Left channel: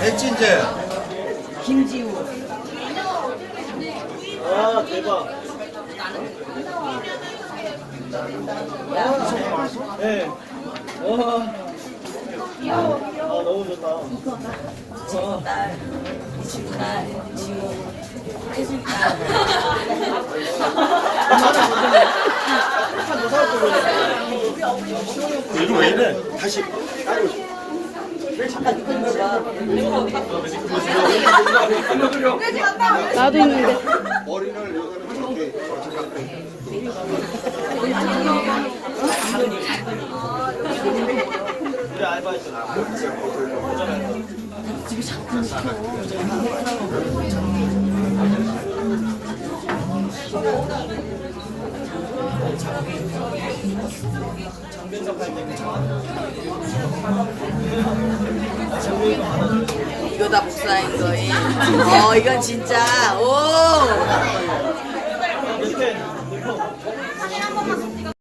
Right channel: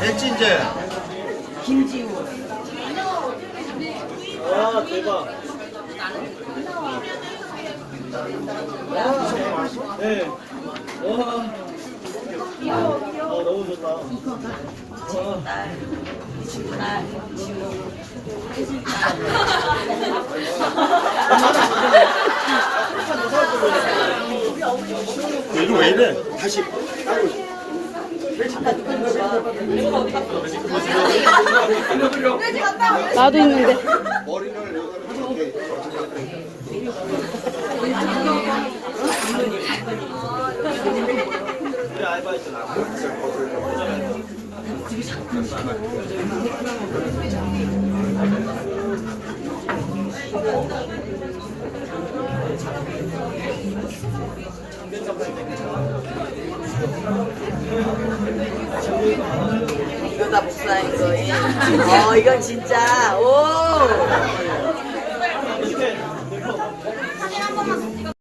됐지 이제. 김지우. 와 대박. 네. 와. 아 너무 좋다. 딸. 딸. 지우. 이거 왜 이래? 다시. 나도 있는데. 이거다 복사인 거이. 어 이건 진짜 오.